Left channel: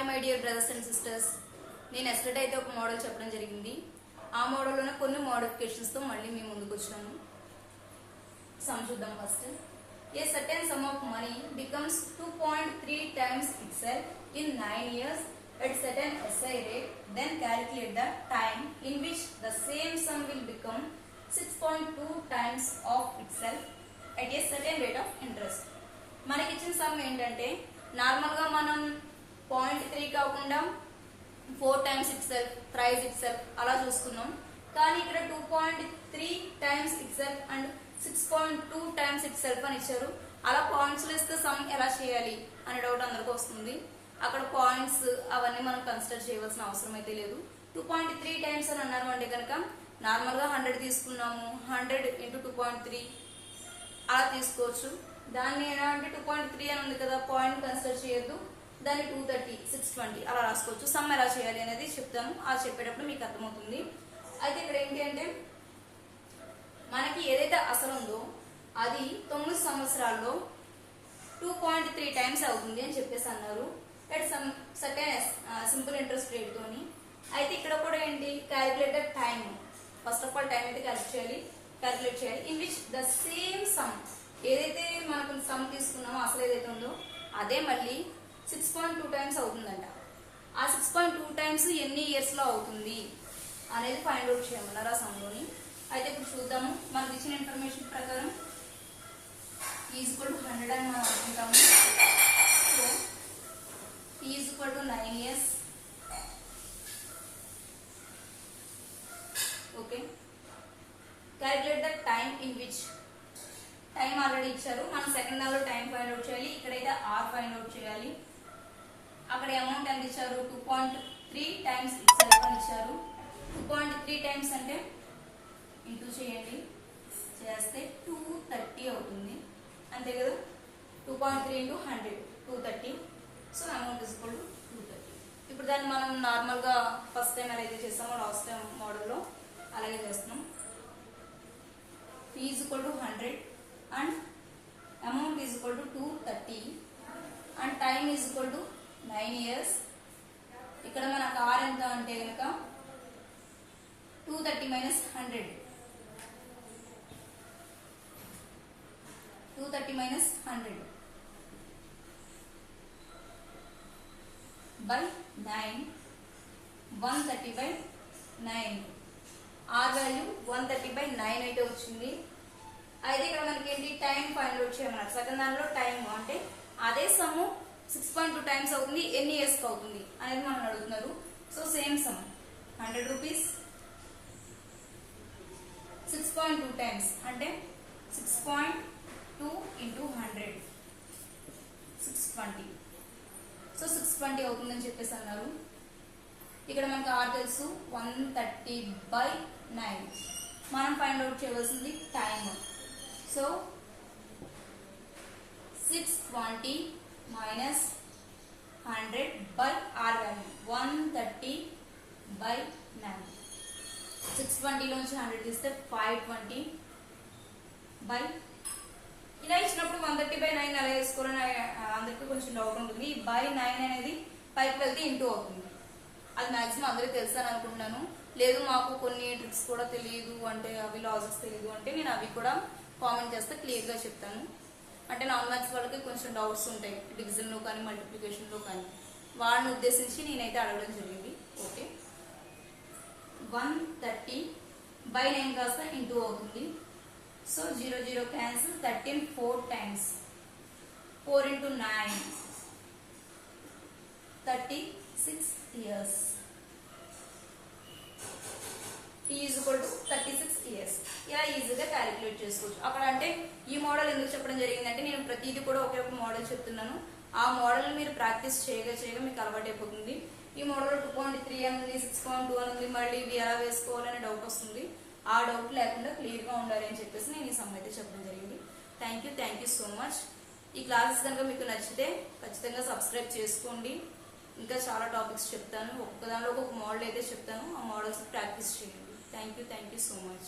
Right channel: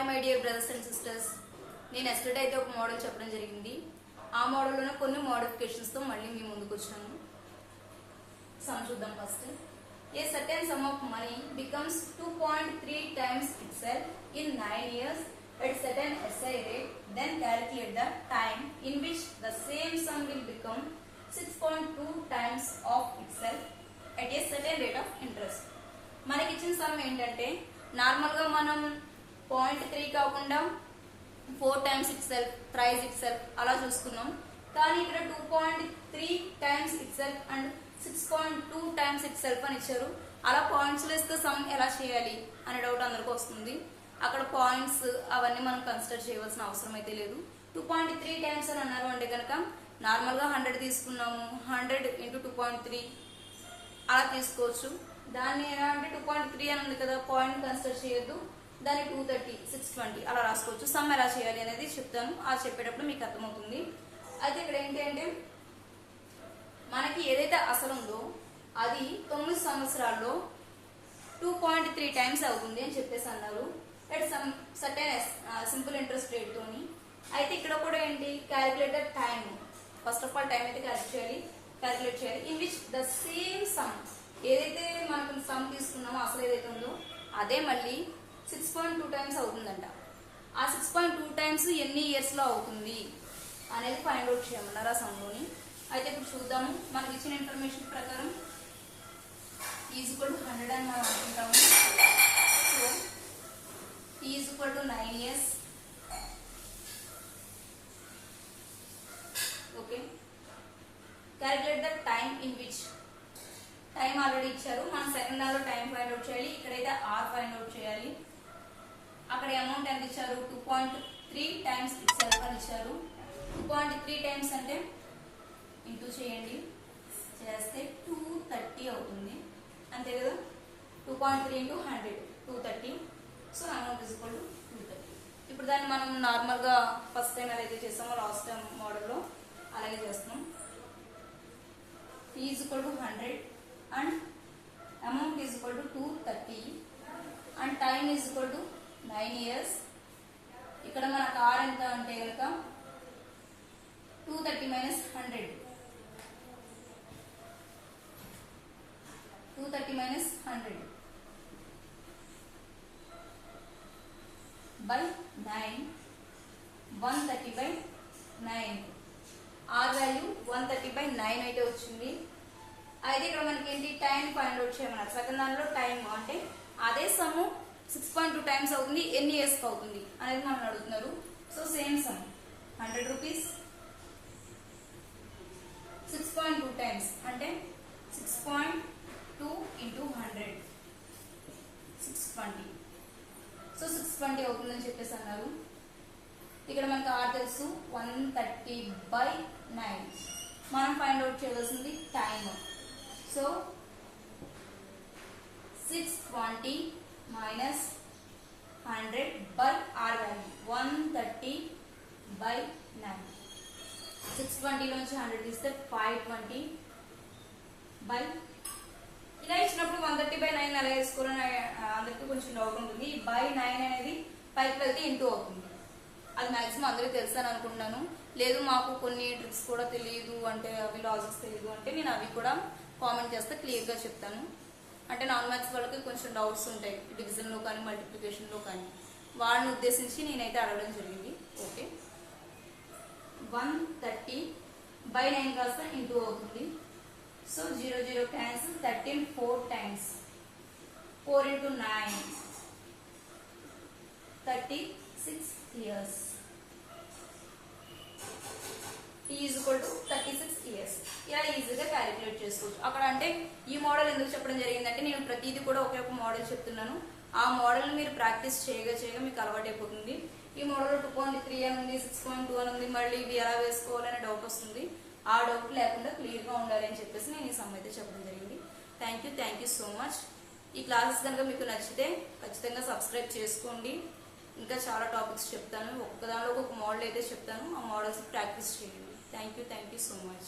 Hi my dear brothers and sisters. నేను yesterday అయితే ఒక మోడల్ చెప్పడం జరిగింది. ఆ మోడల్లోనే కొన్ని మోడిఫికేషన్స్తో మళ్ళీ మీ ముందుకు వచ్చాను. సమ్ చూద్దాం first. A certain sum of money becomes 2.3 times itself in 9 years at certain SI rate. Then calculate the time in which the same sum will become 6.2 times of itself at a certain rate of interest. మనకి ఇచ్చిన some ఏంటంటే normal గా మనం 0.3 కాకుండా 4 times itself, thrice itself అలా చూసుకున్నాం. కానీ ఇక్కడ 2.3 times itself and 6.2 times itself అని ఇచ్చారు. అలా పాయింట్స్ వేస్తే సమ్ ఎలా చేయాలి అనే డౌట్ అందరికీ వస్తుంది. అక్కడ పాయింట్స్ అవన్నీ మనం కన్సిడర్ చేయవలసిన అవసరం అయితే లేదు. 2.3 times అని అన్నారు అంటే కనుక నార్మల్ గా 100 తీసుకున్నాము, 100 into 2.3 అలా తీసుకోవచ్చు. దాన్ని ఎలా అంటే 2.3 అని ఉంది కదా, పాయింట్ కన్సిడర్ చేయొద్దు, దాన్ని 230, 620 అలా రాసుకోవచ్చు. సమ్ ఎలా చేయాలి అనేది చెప్తాము. ఆ చెప్పేటప్పుడు మీకు అర్థమవుతుంది. అయితే ఇక్కడ ఏంటి అంటే మనకి ఏదైతే అసలు ఉందో అది 9 సంవత్సరాల్లో 2.3 times అవుతుంది అని చెప్పేసి అన్నారు. At some certain simple interest rate తోని. అయితే ఇక్కడ కూడా ఏంటి, calculate the time. First of all time అయితే క్యాలిక్యులేట్ చేయాలి. In which the same some, ఏదైతే మనకు సమ్ తీసుకున్నామో అసలు ఏదైతే ఉందో అదే మళ్ళీ 6.2 times అవుతుందంట. ఆ 6.2 times ఎన్ని ఇయర్స్ లో అవుతుంది అనేది ఫైండ్ అవుట్ చేయమన్నారు ఆ సమ్లోని. అయితే ఇప్పుడు చూద్దాము. మనకి ఇచ్చిన ఇన్ఫర్మేషన్ ప్రకారం ఈజ్ ఈక్వల్ టు 100 అని మనం అనుకుంటాము. So is equal to 9 years. Okay, calculate the time in which. Time already ఇచ్చారు, మనం సెకండ్ లో టైం ఫైండ్ అవుట్ చేయాలి. ఇక్కడైతే ఆర్ ఫైండ్ అవుట్ చేయాలి. అక్కడ అమౌంట్ ఎంత ఇచ్చారు, 2.3 times ఇట్సెల్ఫ్ అని ఇచ్చారు. 2.3 times అంటే ఇంటూ చేయండి, చేస్తే 230 అవుతుంది. అంతే కదా, 2.3 into 100 230. So amount is equal to 230. ఇప్పుడు దాన్ని మనం నార్మల్ గా ఫస్ట్ టైం ఎలా అయితే చేస్తామో లాస్ట్ టైం మోడల్లో అలాగే చేస్తున్నాం. Is equal to 100 and amount is equal to 230 and time is equal to 9 years. ఇక్కడ మన కార్ ఎంత అంటే కనుక 230 minus 100, 230 minus 100 by 9, 130 by 9. Are value 130 by 9 అయితే వచ్చింది. అయితే ఇక్కడ మనకి ఏంటి, టైం ఫైండ్ అవుట్ చేయమన్నారు. సెకండ్ దానిలో టైం అంటే అదే సమ్ 6.2 times అవుతుంది, ఎన్ని ఇయర్స్ అవుతుంది అనేది మనం అడుగుతున్నారు. So same some 100 rupees 6.2 times అంటే 6.2 into 100 620. సో 620 అవుతుందని చెప్పేసి అన్నారు. ఇక్కడ మనకు ఆర్ తెలుసు, 130 by 9. మనం ఫైండ్ అవుట్ చేయవలసింది time. So 620 minus 100 by R value 130 by 9. 620 లోంచి 100 తీస్తే 520 by, ఇలా ఇచ్చినప్పుడు 130 by 9 అలా వేసుకోవాలని అందరికీ కొంచెం డౌట్ ఉంటుంది. ఈ by 9 అనేది పైకి వెళ్తే ఇంటూ అవుతుంది. అది మాక్సిమం అందరికీ తెలుసు అని అనుకుంటున్నాను. లేదు మాకు కొన్ని ట్రిక్స్ కూడా తెలియదు అంటే, అవి లాజిక్స్ తెలియదు అంటే నేను అవి కూడా కామెంట్ చేస్తే క్లియర్ గా చెప్తాను. అంటే నాన్ మ్యాథ్స్ వాళ్ళకి కొంచెం డౌట్స్ ఉంటాయి డివిజన్ లో కానీ మల్టిప్లికేషన్ లో కానీ, వాళ్ళని ఉద్దేశించి నేనైతే అడగడం జరిగింది. ఓకే, 130 by 9 కాస్త ఇంటూ అవుతుంది. So 0 0 cancel, 13 4 times, 4 into 9 36 years. Is equal to 36 years. ఇలా ఈజీగా క్యాలిక్యులేట్ చేసుకోవచ్చు. అక్కడ అంటే ఈ మోడల్ ఎందుకు చెప్పడం జరిగిందంటే నేను ప్రతిదీ కూడా ఒకే ఒక మోడల్ చెప్తున్నాను. ఆ మోడల్ మీరు ప్రాక్టీస్ చేయగా మీకు అలవాటు అయిపోతుంది. ఈ మోడల్ 2.3 అని ఉంది, 6.2 అని ఉంది, మళ్ళీ ఇవి ఎలా వేసుకోవాలనే డౌట్ వస్తుంది. ఆ డౌట్ లేకుండా క్లియర్ గా ఉండాలి అని చెప్పేసి నేను ఈ సమ్ అయితే చెప్పడం జరిగింది. Thank you so much. ఈ క్లాసెస్ కనుక మీకు నచ్చితే ఖచ్చితంగా సబ్స్క్రైబ్ చేసుకోండి. ఇంకా చాలా టాపిక్స్ చెప్తాను, ఒక్క దానిలో ఒక మోడల్ అయితే చెప్తాను. ఆ మోడల్స్ ప్రాక్టీస్ చేయండి. Thank you so much.